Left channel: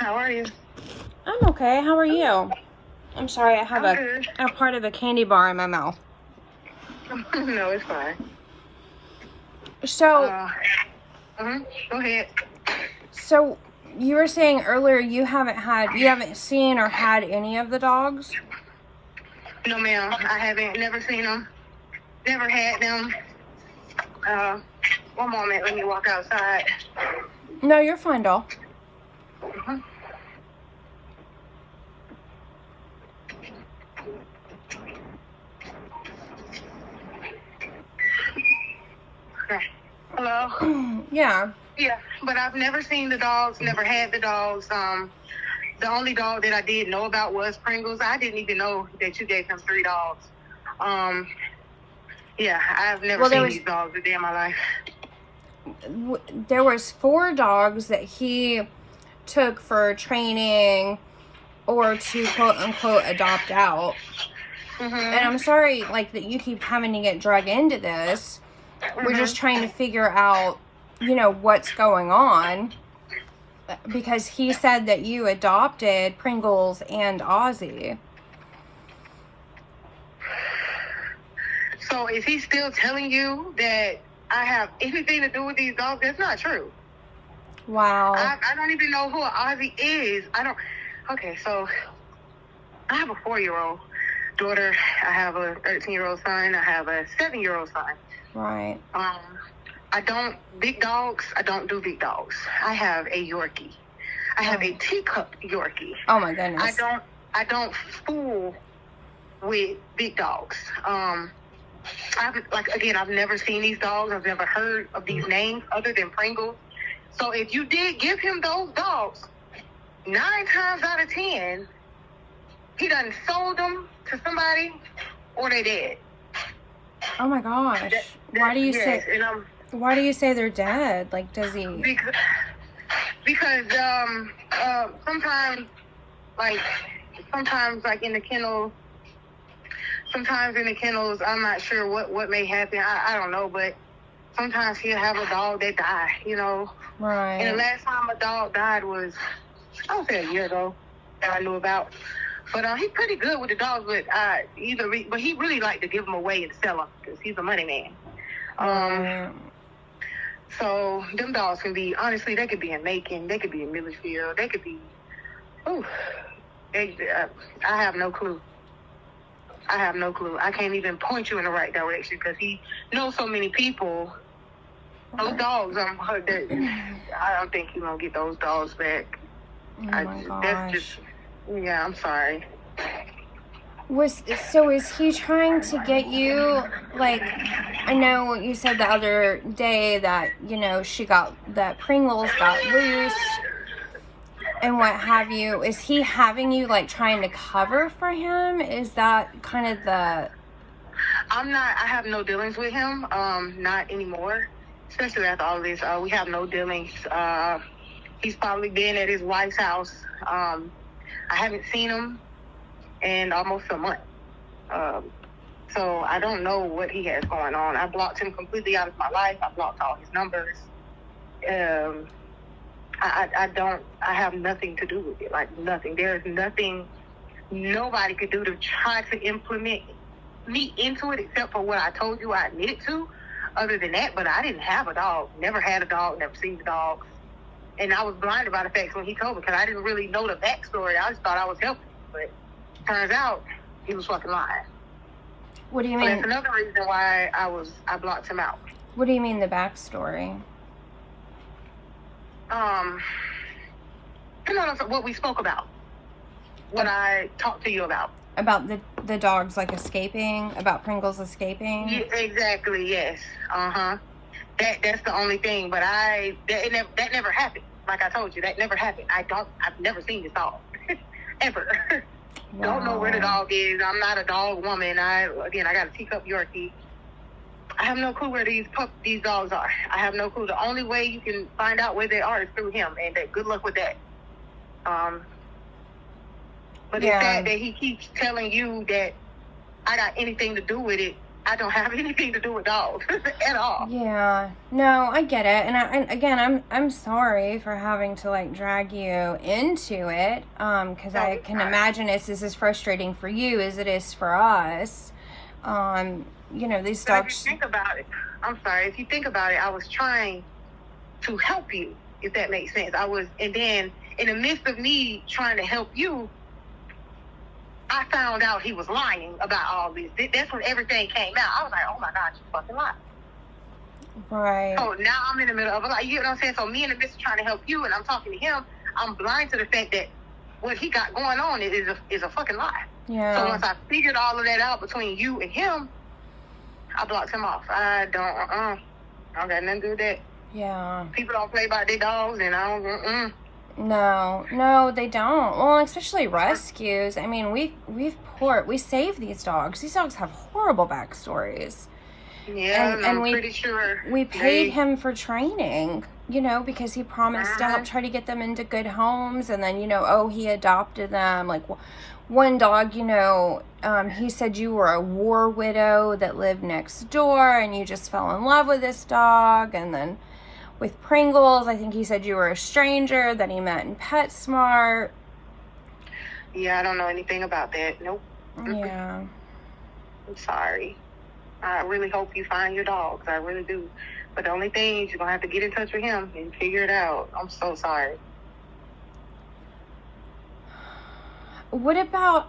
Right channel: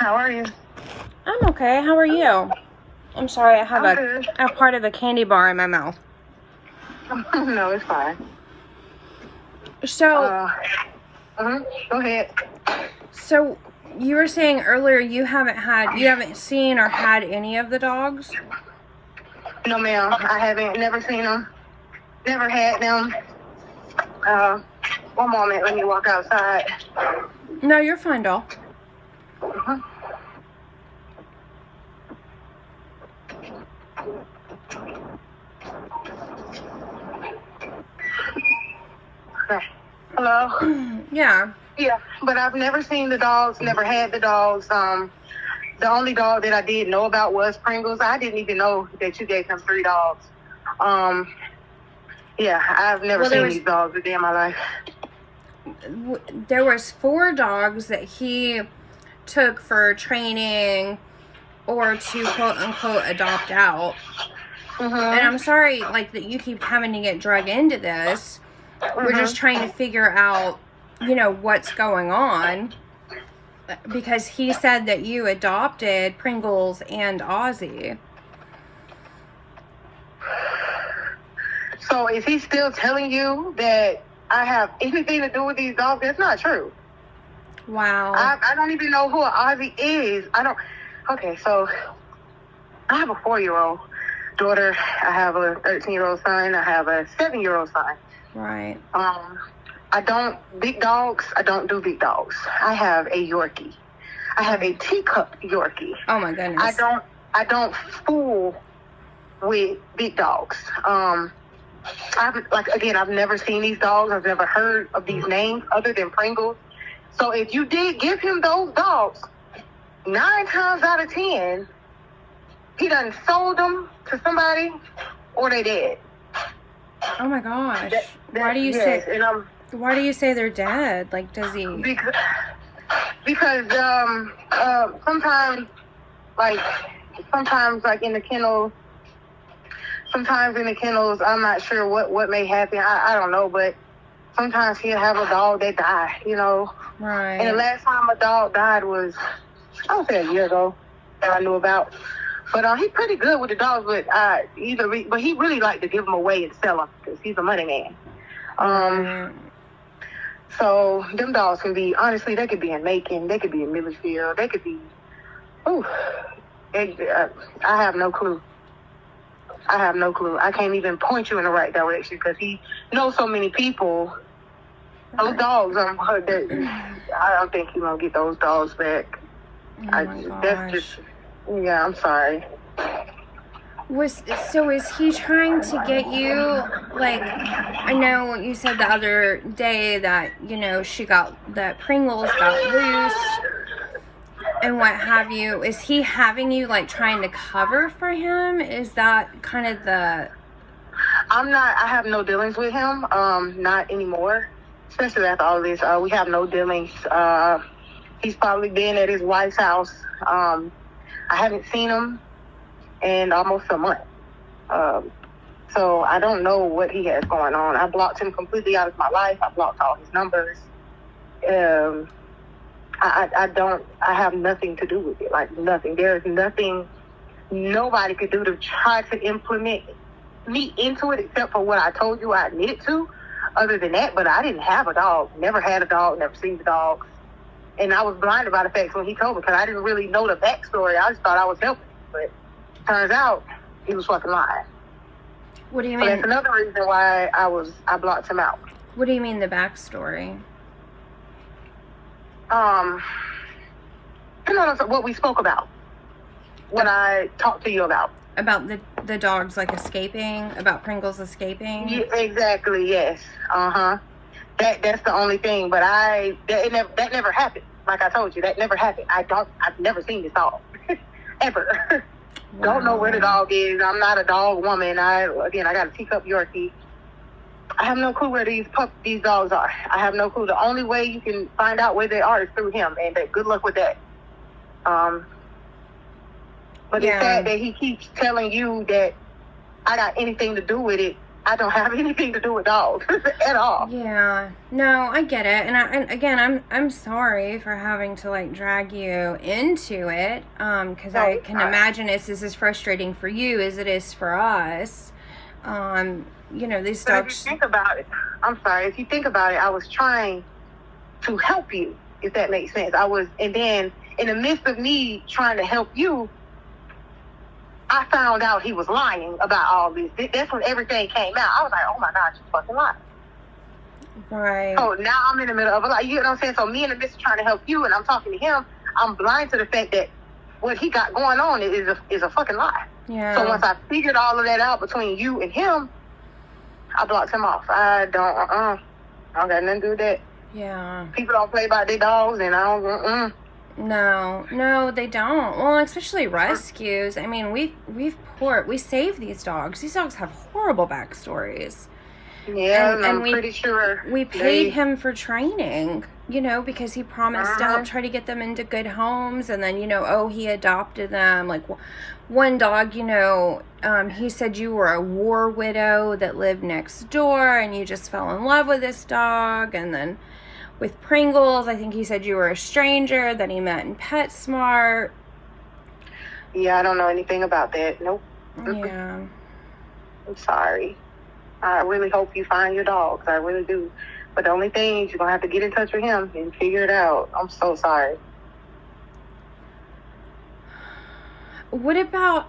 How are you? I'm okay. How are you? I'm sorry, I have I'm a part of a candy bar in my mouth. good. No, it's fine. So, Go ahead. so you were saying earlier you haven't seen or had any of the dogs? No, ma'am. I haven't. Never seen them. Never had them. One moment. Let me walk outside. No, you're fine, doll. Okay. Hello? Yeah. Yeah, but I've never seen the dogs, never had the dogs. The only dog that I did know about was Pringles. I didn't even know that you gave him 3 dogs. Yeah, I've never seen these dogs a day in my life. There was 4 dogs that he took for training or to quote unquote adopt out. And I'm sorry, like, that you keep having to get dragged into this. We're just trying to figure out, what's going on. Because he said that you adopted Pringles and Ozzy. So is he still telling you that I have anything to do with these dogs? That's not true. Wow. I don't even know who Ozzy is. Okay, so I have a 4-year-old daughter. I have a 13-year-old son. I have a 7-year-old son. Right. I don't big dogs. I don't do big dogs. I have a Yorkie. I have a teacup Yorkie. Oh my goodness. I don't fool with big dogs. I've never seen these dogs. I've never heard of these names other than Pringles. So if you did give him those dogs, 9 times out of 10, he done sold them to somebody or they dead. Oh my gosh. Why do you say they're dead? Like, does he? Because sometimes in the kennels, I'm not sure what may happen. I don't know, but sometimes he'll have a dog that die, Right. And the last time a dog died was, I would say, a year ago that I knew about. But he's pretty good with the dogs, but he really liked to give them away and sell them because he's a money man. So them dogs can be, honestly, they could be in Macon, they could be in Millersville, they could be, I have no clue. I can't even point you in the right direction because he knows so many people. Those dogs, I don't think he's going to get those dogs back. Oh my gosh. I'm sorry. Is he trying to get you, like, I know you said the other day that, that Pringles got loose and what have you. Is he having you, like, trying to cover for him? Is that kind of the... I have no dealings with him, not anymore. Especially after all this, we have no dealings. He's probably been at his wife's house. I haven't seen him in almost a month. So I don't know what he has going on. I blocked him completely out of my life. I blocked all his numbers. I have nothing to do with it. Like, nothing. There's nothing nobody could do to try to implement me into it except for what I told you I admitted to. Other than that, but I didn't have a dog. Never had a dog, never seen the dogs. And I was blinded by the facts when he told me because I didn't really know the backstory. I just thought I was helping. But turns out he was fucking lying. What do you mean? So that's another reason why I blocked him out. What do you mean the backstory? What we spoke about. What I talked to you about. About the dogs, like, escaping? About Pringles escaping? Yeah, exactly, yes. That's the only thing. But that never happened. Like I told you, that never happened. I've never seen this dog. Ever. Wow. Don't know where the dog is. I'm not a dog woman. I got a teacup Yorkie. I have no clue where these dogs are. I have no clue. The only way you can find out where they are is through him, and good luck with that. But it's sad that he keeps telling you that I got anything to do with it I don't have anything to do with dogs at all. Yeah. No, I get it. And again, I'm sorry for having to like drag you into it. Because I can imagine it's as frustrating for you as it is for us. You know, these dogs. If you think about it, I'm sorry. If you think about it, I was trying to help you, if that makes sense. And then in the midst of me trying to help you, I found out he was lying about all this. That's when everything came out. I was like, oh my God, you fucking lying. Right. So now I'm in the middle of it. Like, you know what I'm saying? So me in the midst of trying to help you and I'm talking to him, I'm blind to the fact that what he got going on is a fucking lie. Yeah. So once I figured all of that out between you and him, I blocked him off. I don't got nothing to do with that. Yeah. People don't play about their dogs and I don't, No, they don't. Well, especially rescues. I mean, we save these dogs. These dogs have horrible backstories. Yeah, and I'm pretty sure we paid him for training, you know, because he promised to help try to get them into good homes, and then, you know, he adopted them. Like one dog, you know, he said you were a war widow that lived next door, and you just fell in love with this dog, and then. With Pringles, I think he said you were a stranger that he met in PetSmart. Yeah, I don't know anything about that. Nope. Yeah. I'm sorry. I really hope you find your dogs. I really do. But the only thing is you're going to have to get in touch with him and figure it out. I'm so sorry. What about,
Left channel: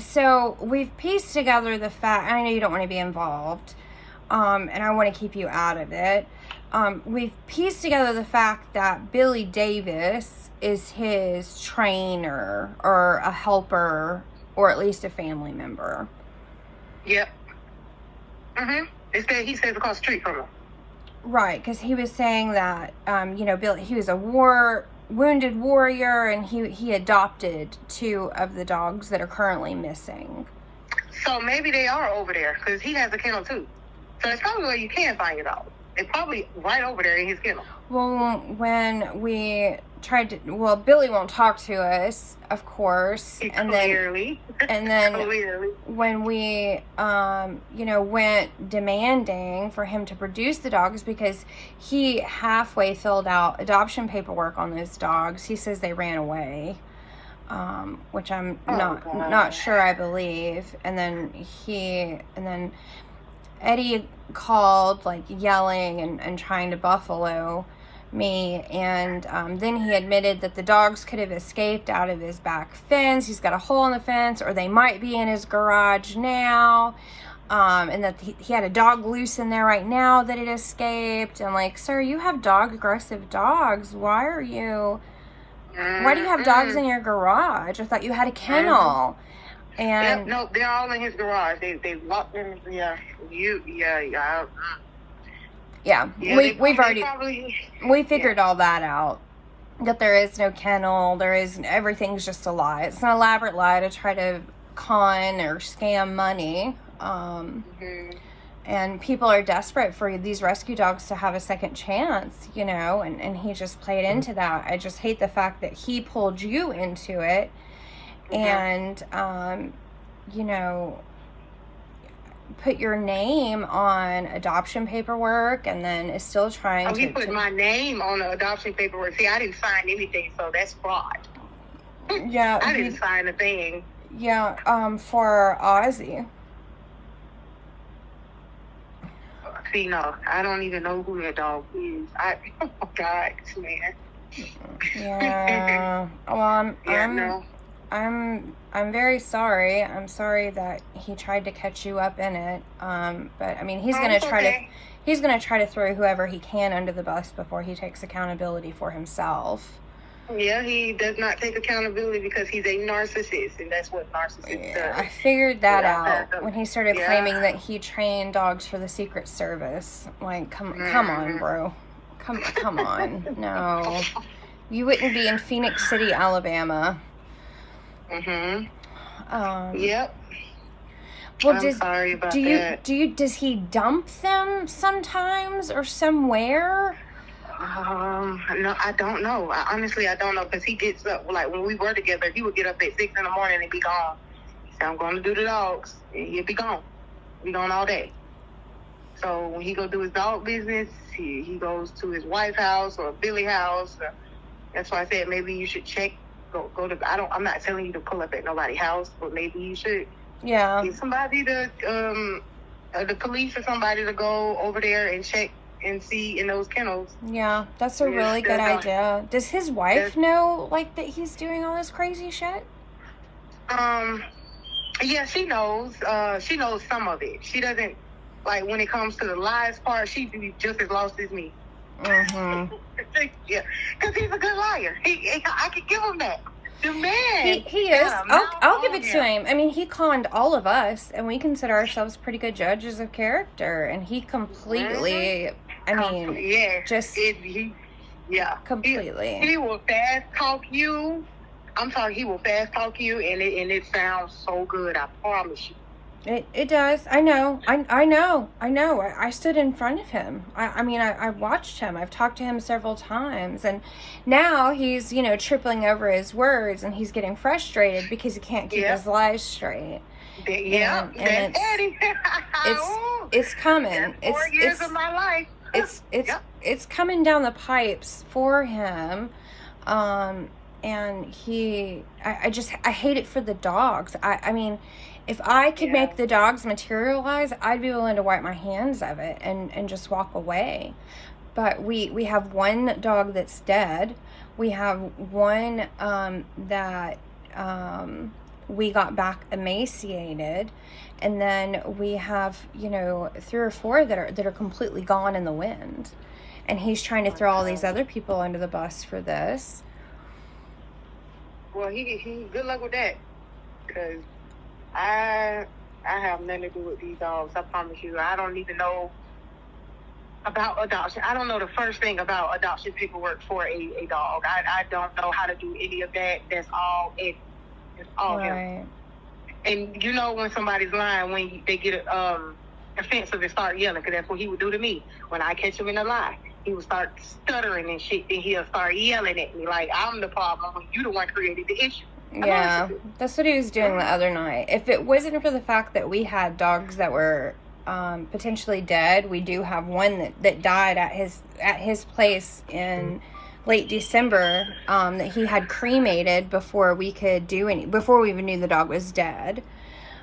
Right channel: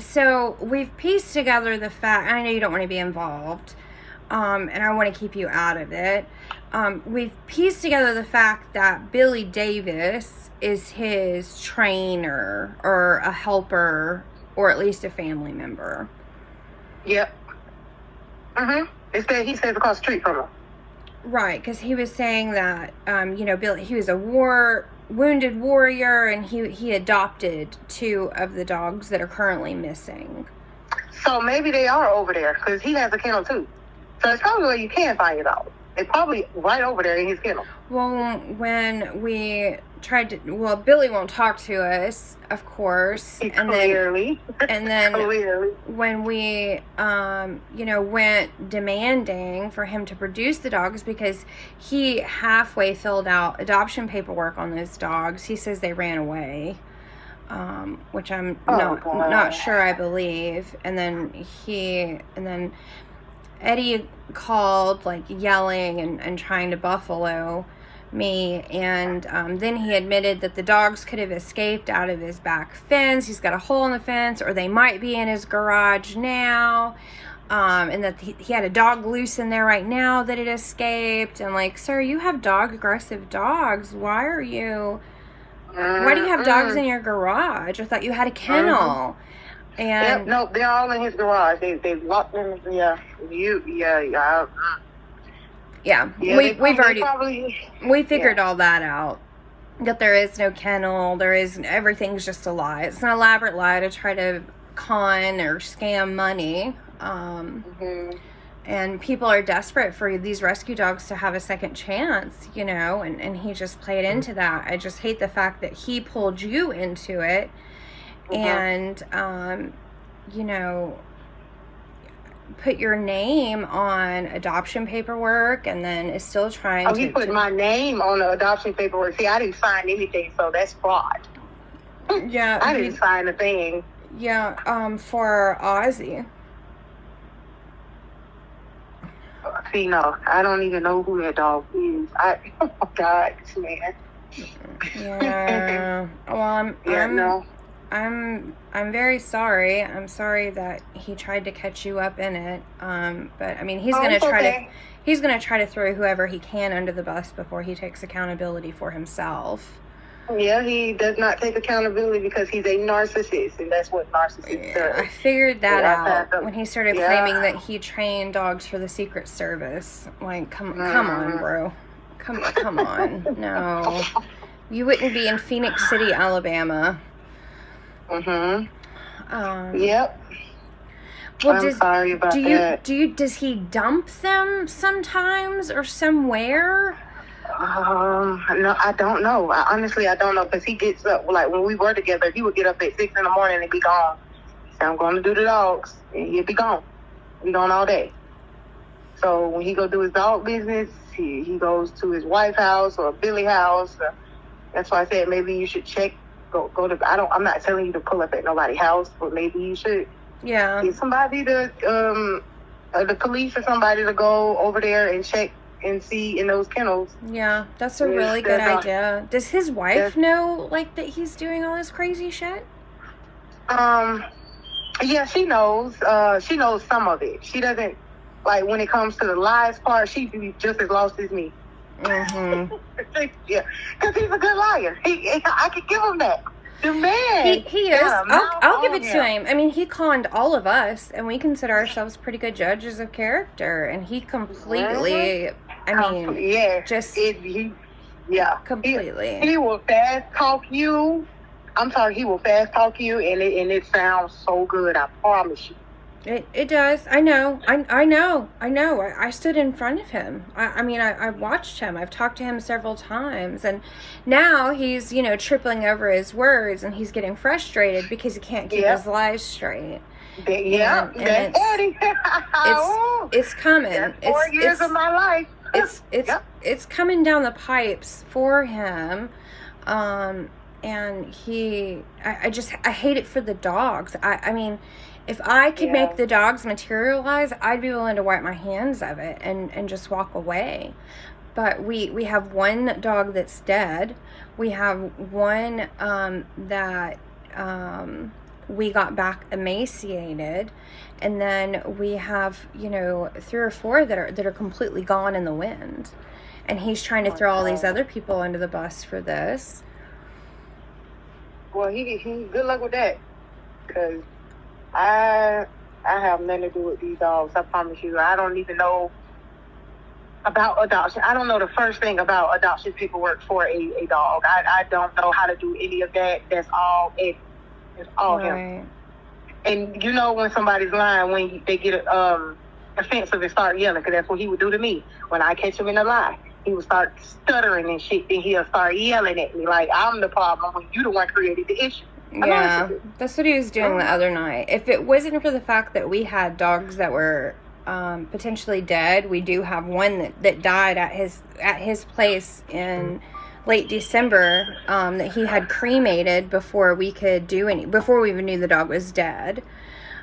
so we've pieced together the fact, I know you don't want to be involved, and I want to keep you out of it. We've pieced together the fact that Billy Davis is his trainer or a helper or at least a family member. Yep. He stays across the street from him. Right, because he was saying that, you know, Billy, he was a wounded warrior, and he adopted 2 of the dogs that are currently missing. So maybe they are over there, because he has a kennel too. So it's probably where you can find your dog. It's probably right over there in his kennel. Well, when we tried to, Billy won't talk to us, of course, Clearly. When we, you know, went demanding for him to produce the dogs because he halfway filled out adoption paperwork on those dogs, he says they ran away, which I'm not sure I believe. And then Eddie called, like, yelling and trying to buffalo me, and then he admitted that the dogs could have escaped out of his back fence. He's got a hole in the fence, or they might be in his garage now, and that he had a dog loose in there right now that had escaped. And like, sir, you have aggressive dogs. Why do you have dogs in your garage? I thought you had a kennel. And no, they're all in his garage. They locked in. We figured all that out. That there is no kennel. Everything's just a lie. It's an elaborate lie to try to con or scam money. And people are desperate for these rescue dogs to have a second chance, you know, and he just played into that. I just hate the fact that he pulled you into it. And, you know, put your name on adoption paperwork, and then is still trying to... he put my name on the adoption paperwork. See, I didn't sign anything, so that's fraud. Yeah. I didn't sign a thing. Yeah, for Ozzy. See, no, I don't even know who that dog is. Oh, God, man. Yeah. Well, I'm very sorry. I'm sorry that he tried to catch you up in it. But I mean, he's gonna try to throw whoever he can under the bus before he takes accountability for himself. Yeah, he does not take accountability because he's a narcissist, and that's what narcissists do. I figured that out when he started claiming that he trained dogs for the Secret Service. Like, come on, bro. Come on. No. You wouldn't be in Phoenix City, Alabama. Yep. Well, I'm sorry about that. Does he dump them sometimes or somewhere? No, I don't know. Honestly, I don't know, because he gets up, like when we were together, he would get up at 6 in the morning and be gone. So I'm going to do the dogs, and he'll be gone. We gone all day. So when he go do his dog business, he goes to his wife's house or Billy's house. That's why I said maybe you should check. Go to. I'm not telling you to pull up at nobody's house, but maybe you should. Yeah. Get somebody to the police or somebody to go over there and check and see in those kennels. Yeah, that's a really good idea. Does his wife know, like, that he's doing all this crazy shit? Yeah, she knows. She knows some of it. She doesn't, like, when it comes to the lies part, she'd be just as lost as me. Mm-hmm. Yeah, because he's a good liar. I could give him that. The man. He is. I'll give it to him. I mean, he conned all of us, and we consider ourselves pretty good judges of character, and he completely, completely. He will fast talk you. I'm sorry, he will fast talk you, and it sounds so good, I promise you. It does. I know. I know. I stood in front of him. I watched him. I've talked to him several times. And now he's, tripping over his words, and he's getting frustrated because he can't keep his lies straight. Yeah. And it's coming. That's 4 years of my life. It's coming down the pipes for him. And I hate it for the dogs. I mean, if I could make the dogs materialize, I'd be willing to wipe my hands of it and just walk away. But we have one dog that's dead. We have one that we got back emaciated. And then we have, 3 or 4 that are completely gone in the wind. And he's trying to throw all these other people under the bus for this. Well, he good luck with that, because I have nothing to do with these dogs. I promise you. I don't even know about adoption. I don't know the first thing about adoption paperwork for a dog. I don't know how to do any of that. That's all it. It's all him. And when somebody's lying, when they get offensive and start yelling, because that's what he would do to me. When I catch him in a lie, he would start stuttering and shit, and he'll start yelling at me like I'm the problem when you the one created the issue. Yeah, that's what he was doing the other night. If it wasn't for the fact that we had dogs that were potentially dead, we do have one that died at his place in late December that he had cremated before we even knew the dog was dead.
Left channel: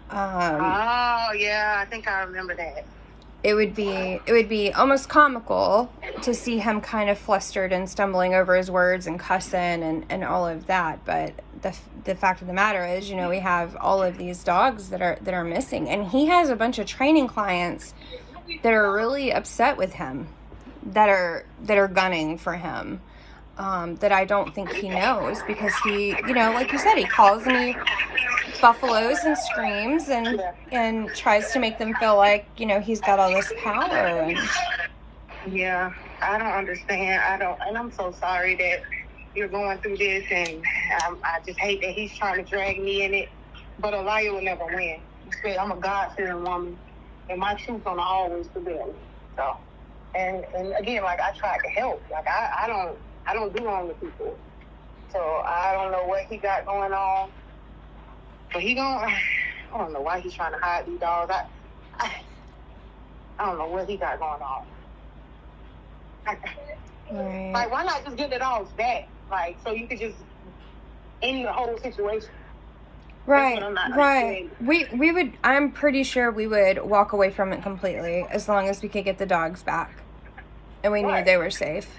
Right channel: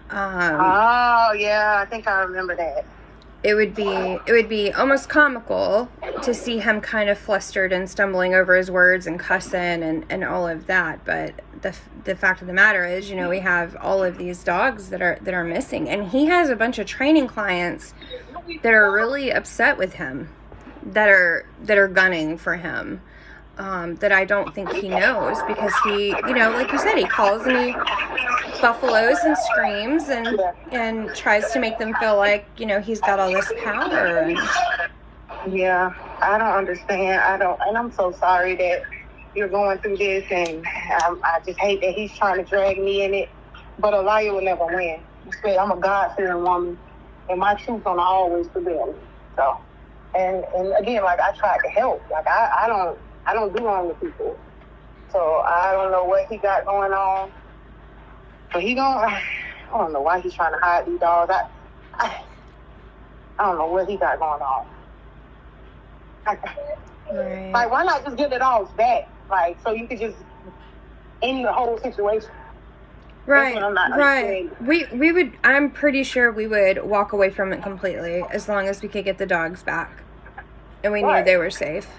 Oh yeah, I think I remember that. It would be almost comical to see him kind of flustered and stumbling over his words and cussing and all of that. But the fact of the matter is, we have all of these dogs that are missing, and he has a bunch of training clients that are really upset with him, that are gunning for him. That I don't think he knows, because he, like you said, he calls and he buffaloes and screams and tries to make them feel like, he's got all this power. And yeah, I don't understand. And I'm so sorry that you're going through this, and I just hate that he's trying to drag me in it. But a liar will never win. I'm a God-fearing woman, and my truth's gonna always prevail. So, and again, like, I tried to help. Like, I don't do wrong with people. So I don't know what he got going on. But I don't know why he's trying to hide these dogs. I don't know what he got going on. right. Like, why not just give the dogs back? Like, so you could just end the whole situation. Right. We would, I'm pretty sure we would walk away from it completely as long as we could get the dogs back. And we knew they were safe.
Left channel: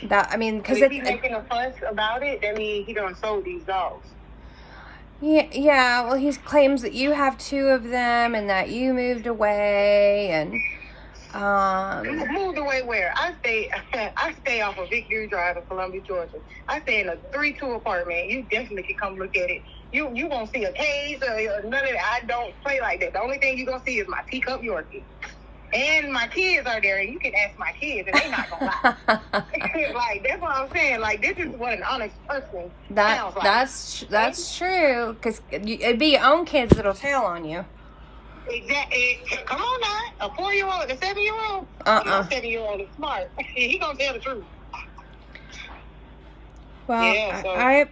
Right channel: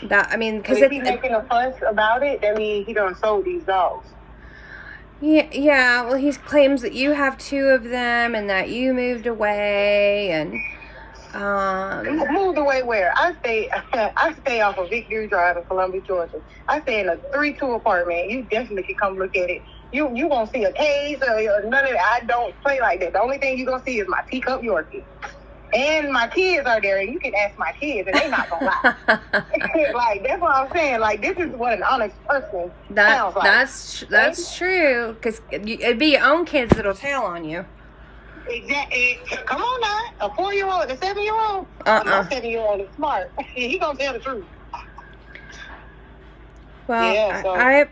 Because if he's making a fuss about it, that means he done sold these dogs. Yeah. Well, he claims that you have 2 of them and that you moved away and. Moved away where? I stay off of Victory Drive in Columbia, Georgia. I stay in a 3-2 apartment. You definitely can come look at it. You won't see a cage or none of that. I don't play like that. The only thing you're gonna see is my teacup Yorkie. And my kids are there, and you can ask my kids, and they're not gonna lie. Like, that's what I'm saying. Like, this is what an honest person sounds like. That's true, because it'd be your own kids that'll tell on you. Exactly. Come on now, a 4-year-old, a 7-year-old. A 7-year-old is smart. He gonna tell the truth. Well, Yeah, so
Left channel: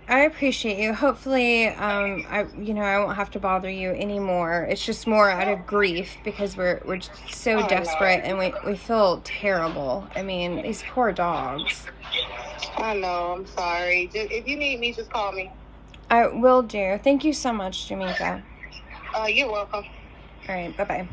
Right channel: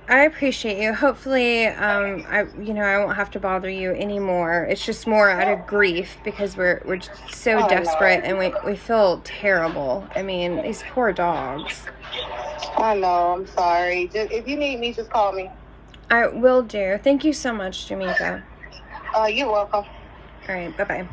I appreciate you. Hopefully, I won't have to bother you anymore. It's just more out of grief because we're just so desperate and we feel terrible. I mean, these poor dogs. I know. I'm sorry. Just, if you need me, just call me. I will do. Thank you so much, Tameka. You're welcome. All right. Bye bye.